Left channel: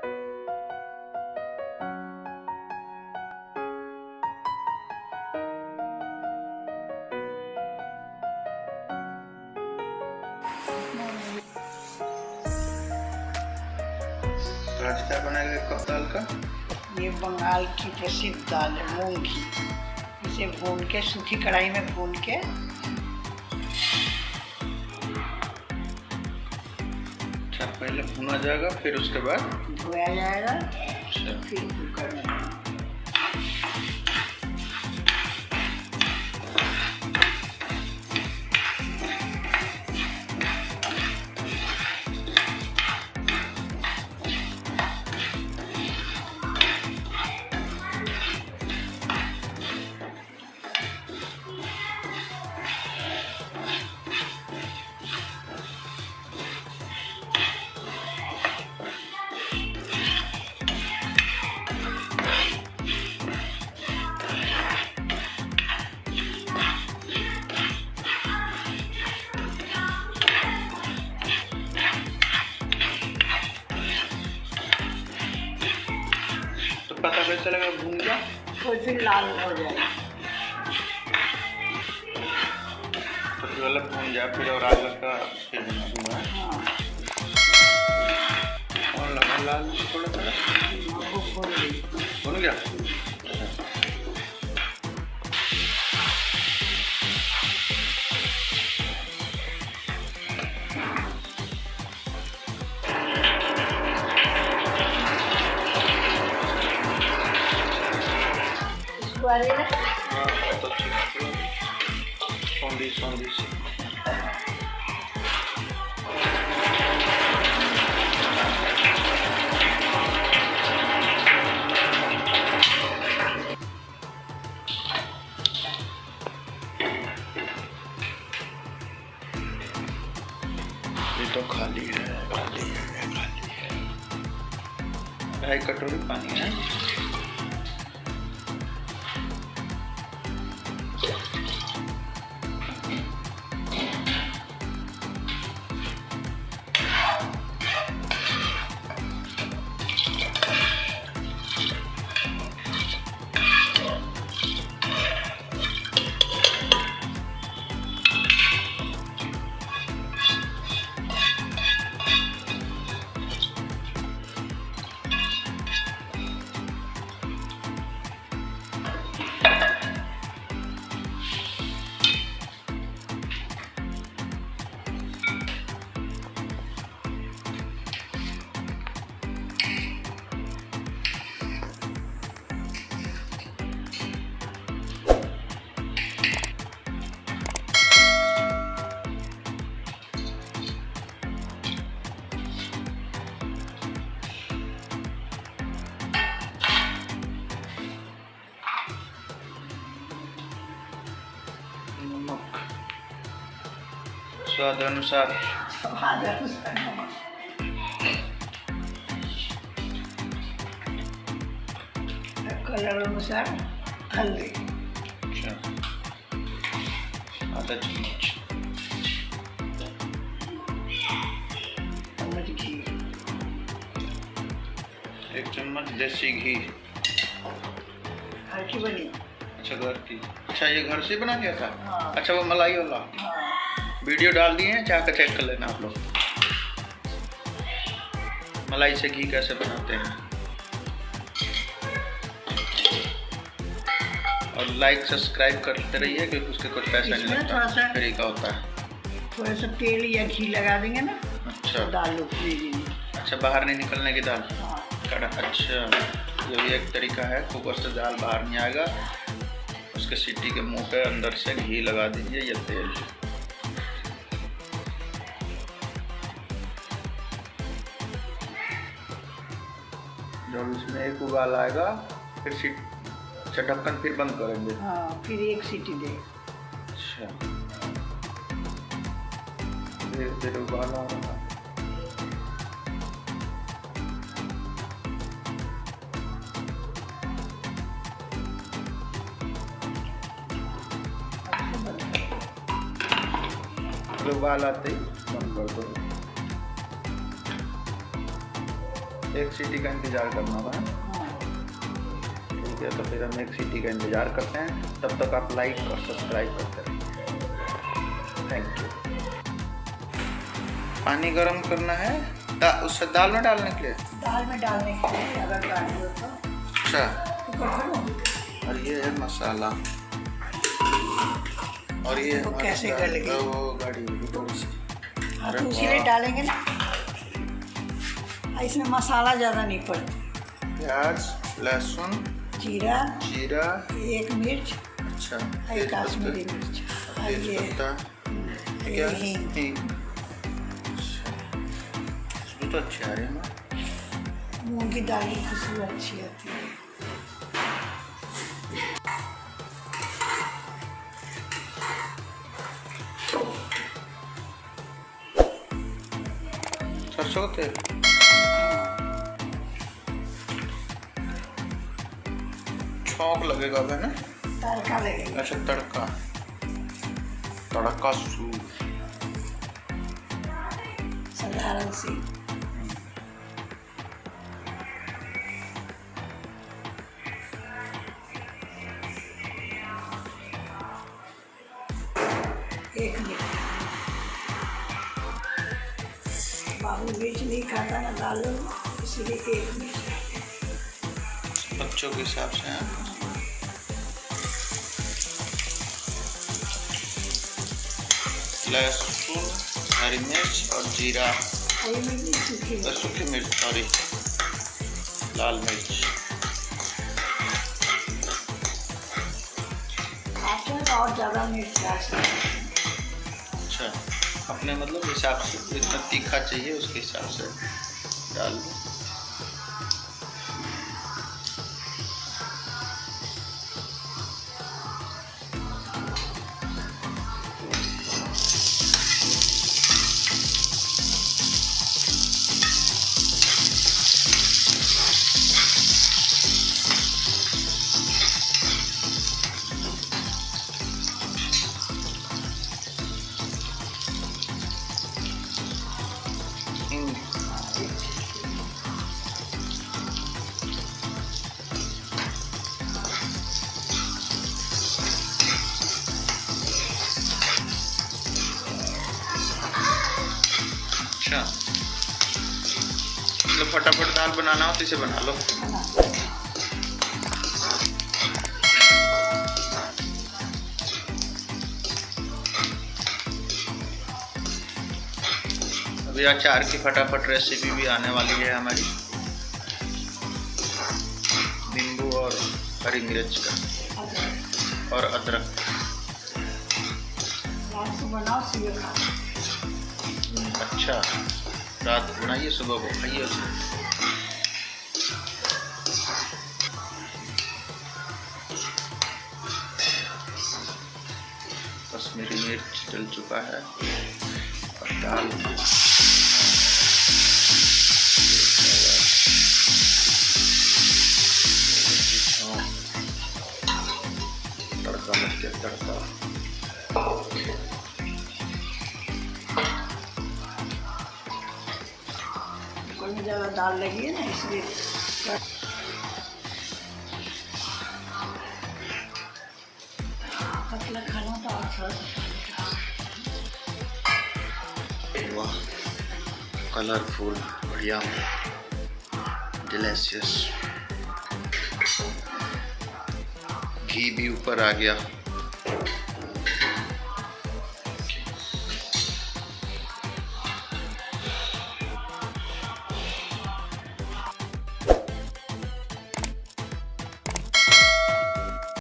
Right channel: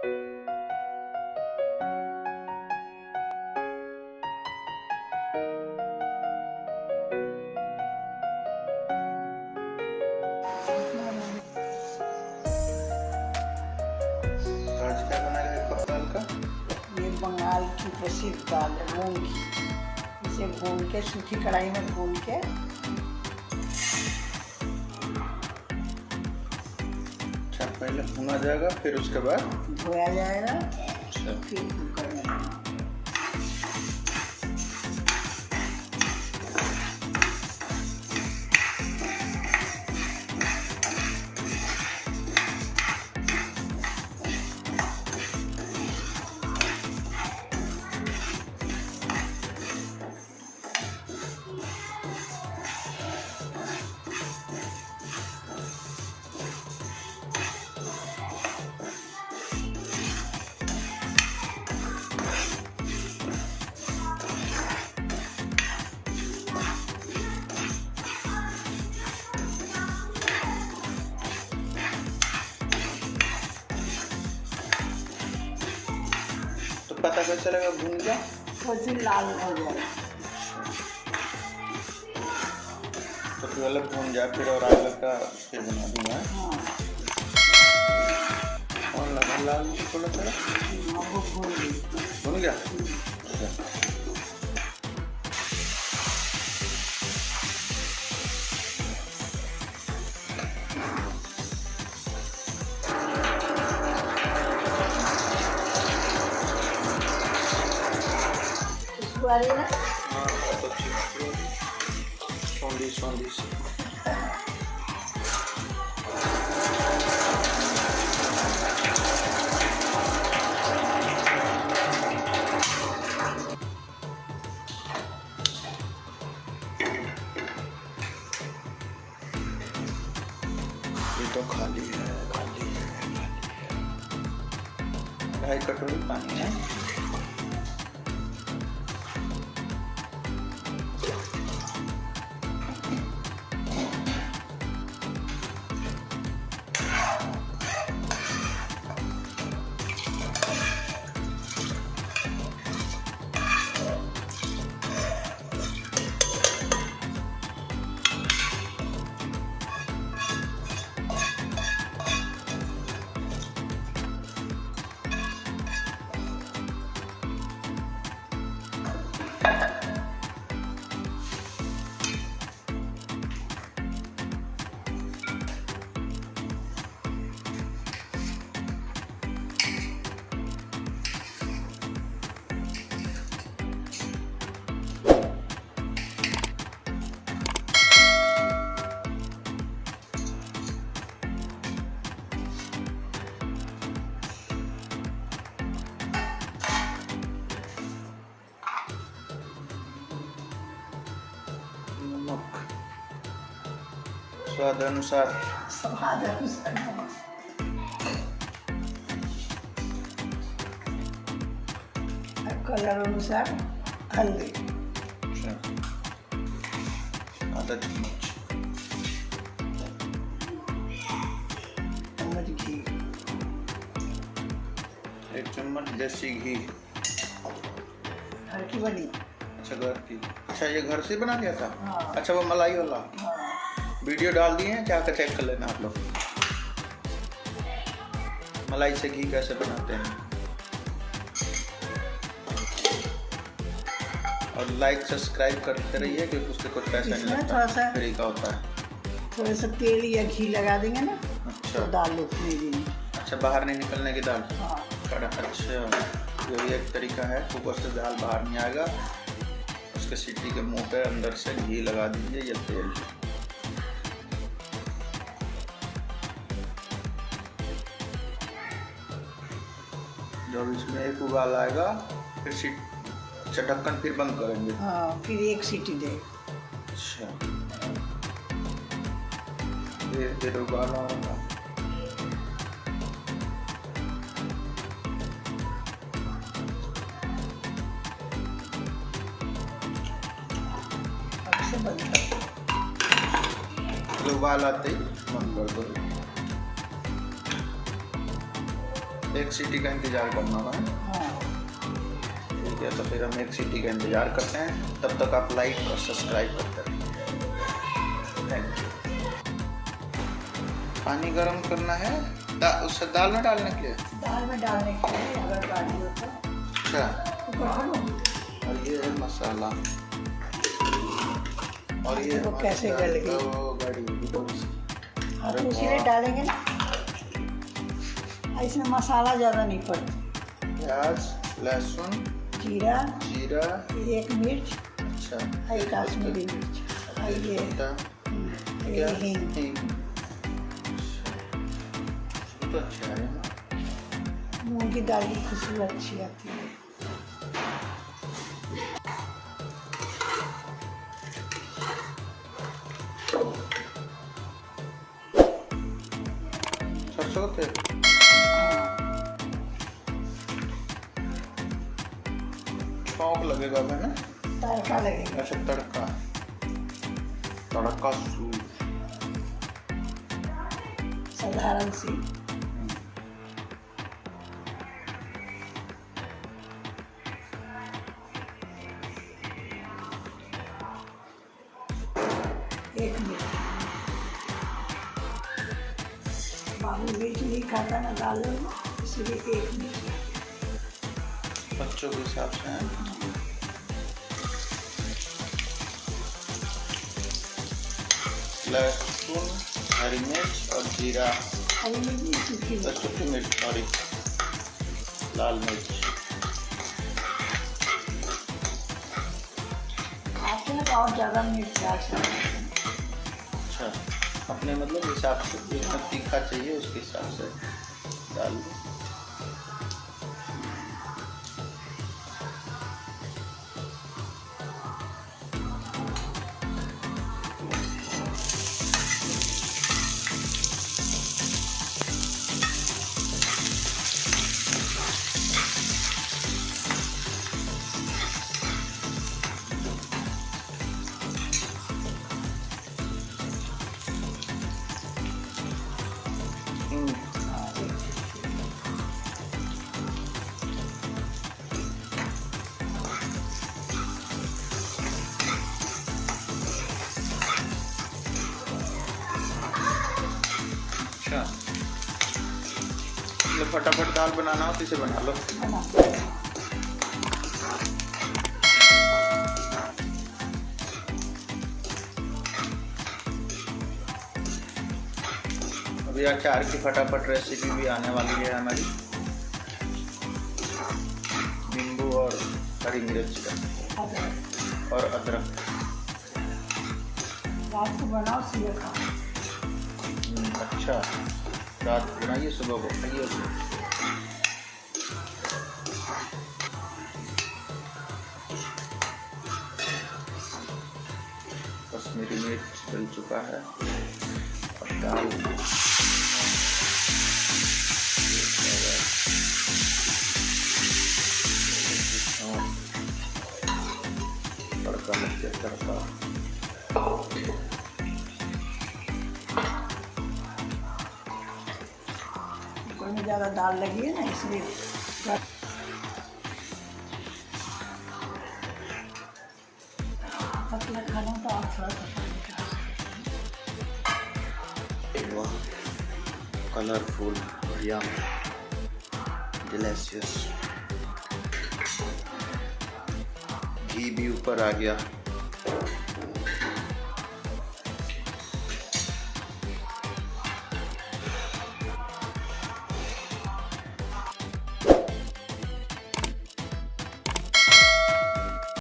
आज क्या बनाएगा एक कप दाल का? ये बंगाल की प्रसिद्ध दाल है मूंग की। इसे भून के सूखी कढ़ाई में भून के अच्छा, पहले भुना जाएगा फिर उसके बाद धोया जाएगा। अच्छा, फिर कुकर में पता कैसे चलेगा भून गया? तो फिर लाल हो जाएगा। तो फिर अलग भून जाए फिर और आग लगा फिर बना दूंगा। हाँ, और लगा लाल थोड़ा सा भून गया। अच्छा, वाले ना हाँ तो ठीक है। सौंधी सी ये तो खाली है। 2.5 कटोरी पानी है। नमक स्वाद अनुसार। कलर अनुसार हल्दी। अच्छा, आधा चम्मच घी, 1 चम्मच देसी घी। घर की बनी। अच्छा, घर की। अच्छा, ये घर से बना लिया था? हाँ। अच्छा, वो मलाई वाला। हाँ। वीडियो डाल दिए हैं, जाकर चेक कर लेना आप लोग। मलाई से घी कैसे बनाते हैं। और लाइक सब्सक्राइब करते रहिए क्योंकि उसके कुछ पैसा नहीं लगता, फ्री का होता है। थोड़ा सा तेल या घी लगा देंगे ना। अच्छा, तो दाल उखड़ेगी। अच्छा, बाहर नहीं निकलने की दाल। हाँ। अच्छा, ये भी एक तरीका है। कुकर से दाल बाहर नहीं आएगा, उसके सीटी के मुंह पे अंदर से घी लगा दीजिए या तेल। जब इसमें एक उबाल आएगा फिर ढक्कन फिर बंद करेंगे। हाँ, फिर 1 सीटी दे। अच्छा, धीरे उबाल आ रहा। उबाल आते ही बंद कर दो। एक सीटी का इंतज़ार करना होगा। हाँ। ठीक है, तो फिर हम एक सीटी का इंतज़ार करते हैं। तब तक आप लाइक और सब्सक्राइब करते रहिए। Thank you. पानी गर्म करना है उससे दाल में डालने के लिए। दाल में डालने के लिए अगर गाड़ी हो तो। अच्छा। और ये है मसाला, और ये वो कैसे गल गई? वो गाड़ी होगी थोड़ी सी। हाँ, तो इसीलिए डालेंगे ना, इसमें मसाला ज़्यादा नहीं पड़ता। प्याज, लहसुन, जीरा, एक मिर्च, अच्छा, एक काश्मीरी मिर्च, तेज पत्ता, ये हींग। अच्छा, खुशबू तो अच्छी आ रही है ना। मूंग की दाल की खुशबू अच्छी आती है। सरसों का तेल, छौंक लगेगा अब, है ना? तड़का लगेगा। अच्छा, तड़का, तड़का सूप साधारण सी। एक मिनट, बाबू मिर्च नहीं खाता ना दाल में, इसलिए एक मिनट। बच्चों के हिसाब से है। लहसुन, हरी मिर्च और जीरा, हरी मिर्च, सूखी मिर्च, सॉरी, लाल मिर्च। आपके ना और ज़्यादा मिर्च डाल सकते हैं। अच्छा, अपने मतलब हिसाब से, जितना तीखा चाहिए उसके हिसाब से डाल दो। अच्छा, मतलब फटाफट दाल बनाना हो तो इसे बना लो। अभी अचार की फटाफट रेसिपी भी आने वाली है हमारी, नींबू और हरी मिर्च का और अदरक। रात को बनाओ, सुबह खाओ। अच्छा, रात को बनाइए, सुबह को खाइए उसे। कश्मीरी मिर्च डल चुका है और दाल तड़का लग गया, तड़का। में ज़्यादा दाल लगी है ना, इसलिए पतला खाना तो आप थोड़ा सा। वाह, कलरफुल, बढ़िया, डिलीशियस। घी भी ऊपर आ गया।